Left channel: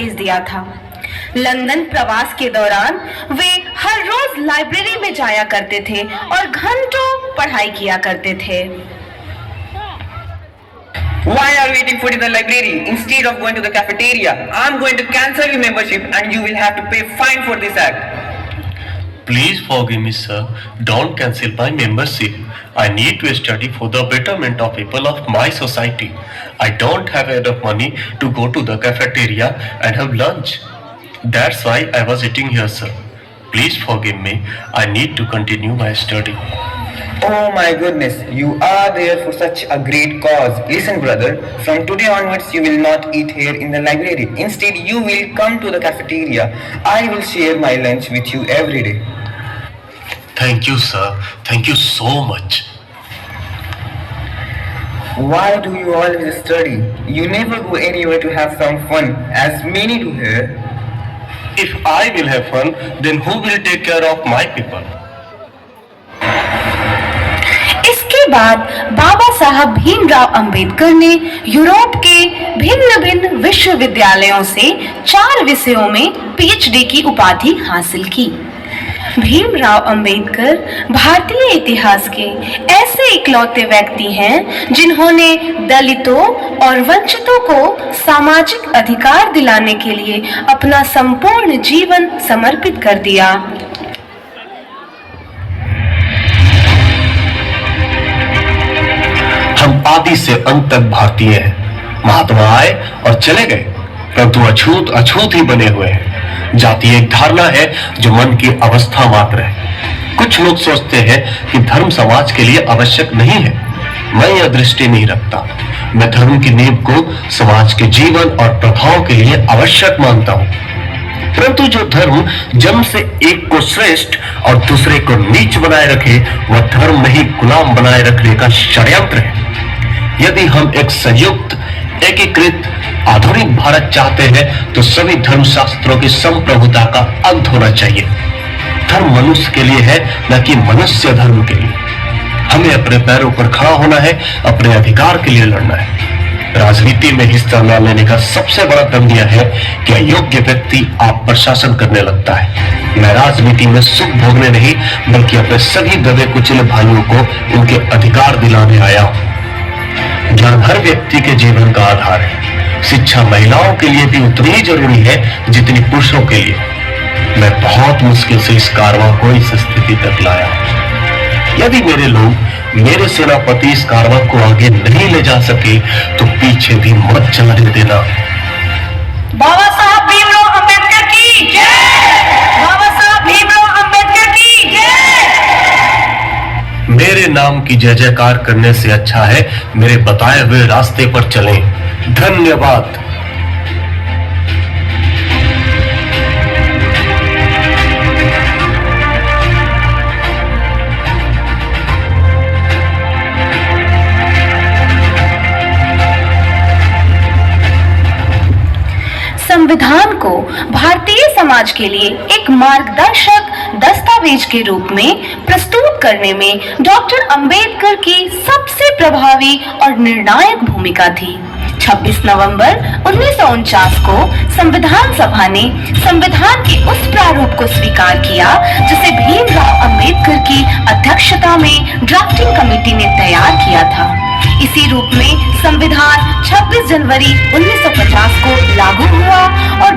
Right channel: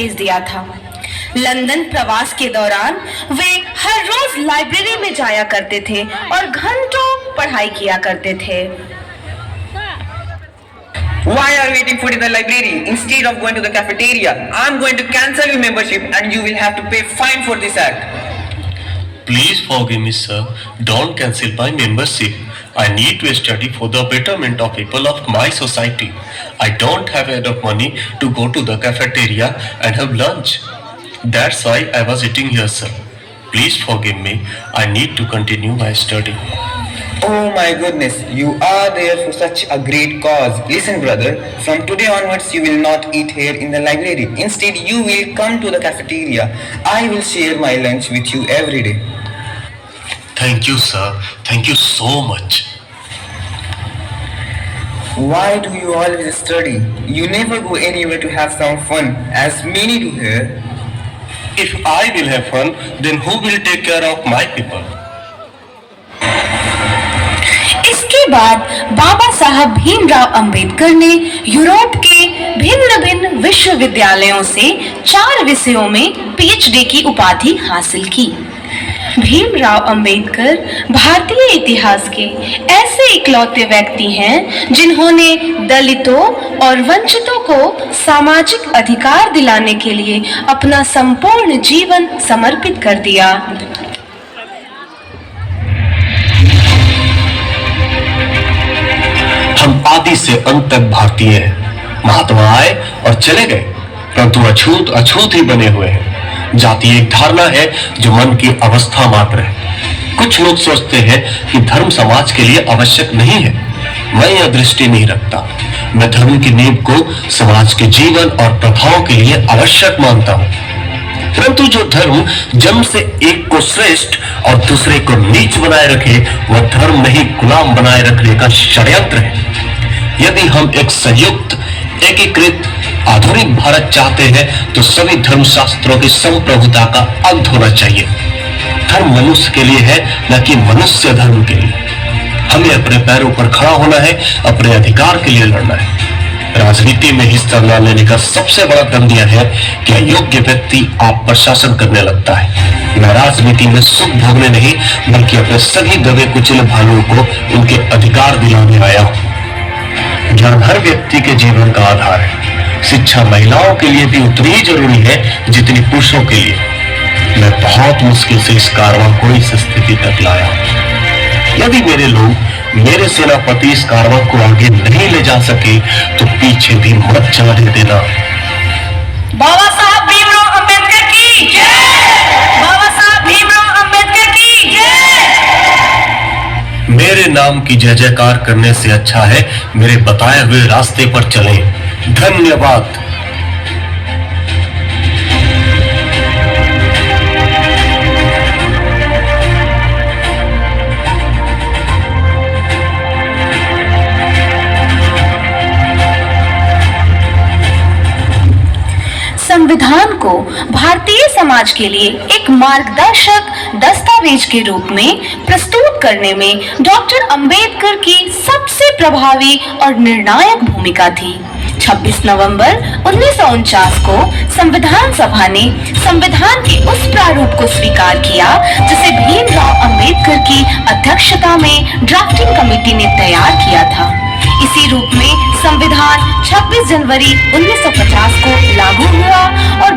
भेज दिया था। लंदन प्रवास के दौरान वे हर रोज लाइब्रेरी में जाया करते थे और घंटों पढ़ाई किया करते थे। Why are you eating food in the library instead of going to the cafeteria? I'm going to cancel your membership and you will have to pay fine for this act. Please forgive me, sir. Don't cancel my membership. I need to study for the betterment of people of my society. I don't have enough money to go to the cafeteria and have lunch. That's why I was eating here, sir. Please forgive me. I need to continue my study. Oh my goodness, you are there for such a great cause. Listen brother, from today onwards you will not eat here in the library. Instead you will come to the cafeteria. I will share my lunch with you every day. Thank you, sir. Thank you so much. Why do you always study? You never go anywhere to have some fun, as many do here. If I will have fun, then who will take care of my people? इसके बाद बाबा साहब भीमराव अंबेडकर ने Europe के भिन्न-भिन्न विश्वविद्यालयों से 4 विषयों में PhD की उपाधि हासिल की। भीमराव अंबेडकर भारतीय इतिहास के ऐसे इकलौते व्यक्ति हैं जिन्होंने दलितों और वंचितों को सामाजिक अधिकार दिलाने के लिए अपना संपूर्ण जीवन समर्पित कर दिया। हम आदि से अंत तक भारतीय हैं। महात्मा आए और चले गए, परंतु अछूत अछूत ही बने हुए हैं। जाति एक धारणा है जो मन की अवस्था मात्र है। कुछ लोग सोचते हैं कि धर्म समाज के लिए आवश्यक नहीं है। मैं यह दृष्टि नहीं रखता। मैं धर्म की नींव को समाज के जीवन और प्रभाव के लिए आवश्यक मानता हूँ। परंतु जो धर्म जन्म से एक को श्रेष्ठ और दूसरे को नीच बनाए रखे, वह धर्म नहीं गुलाम बनाए रखने का षड्यंत्र है। यदि हम एक संयुक्त, एकीकृत, आधुनिक भारत चाहते हैं तो सभी धर्म शास्त्रों की संप्रभुता का अंत होना चाहिए। धर्म मनुष्य के लिए है, न कि मनुष्य धर्म के लिए। हमें अपने पैरों पर खड़ा होना है, अपने अधिकार के लिए लड़ना है। राजनीति में हिस्सा न लेने का सबसे बड़ा दंड यह है कि अयोग्य व्यक्ति आप पर शासन करने लगता है। मैं राजनीति में सुख भोगने नहीं, बल्कि अपने सभी दबे कुचले भाइयों को उनके अधिकार दिलाने आया हूं। धर्म हर व्यक्ति के जीवन का आधार है। शिक्षा महिलाओं के लिए भी उतनी ही जरूरी है जितनी पुरुषों के लिए। मैं बहुत मुश्किल से इस कारवां को इस स्थिति तक लाया। यदि मेरे लोग, मेरे सेनापति इस कारवां को आगे नहीं ले जा सके तो पीछे भी मत चलने देना। बाबा साहब भीमराव अंबेडकर की जय! बाबा साहब भीमराव अंबेडकर की जय! मेरे नाम की जय जयकार करने से अच्छा है मेरे बताए हुए रास्ते पर चलें। धन्यवाद। संविधान को भारतीय समाज के लिए एक मार्गदर्शक दस्तावेज के रूप में प्रस्तुत करने में डॉक्टर अंबेडकर की सबसे प्रभावी और निर्णायक भूमिका थी। 26 नवंबर 1949 को संविधान सभा ने संविधान के उस प्रारूप को स्वीकार किया जिसे भीमराव अंबेडकर की अध्यक्षता में ड्राफ्टिंग कमेटी ने तैयार किया था। इसी रूप में संविधान 26 जनवरी 1950 को लागू हुआ और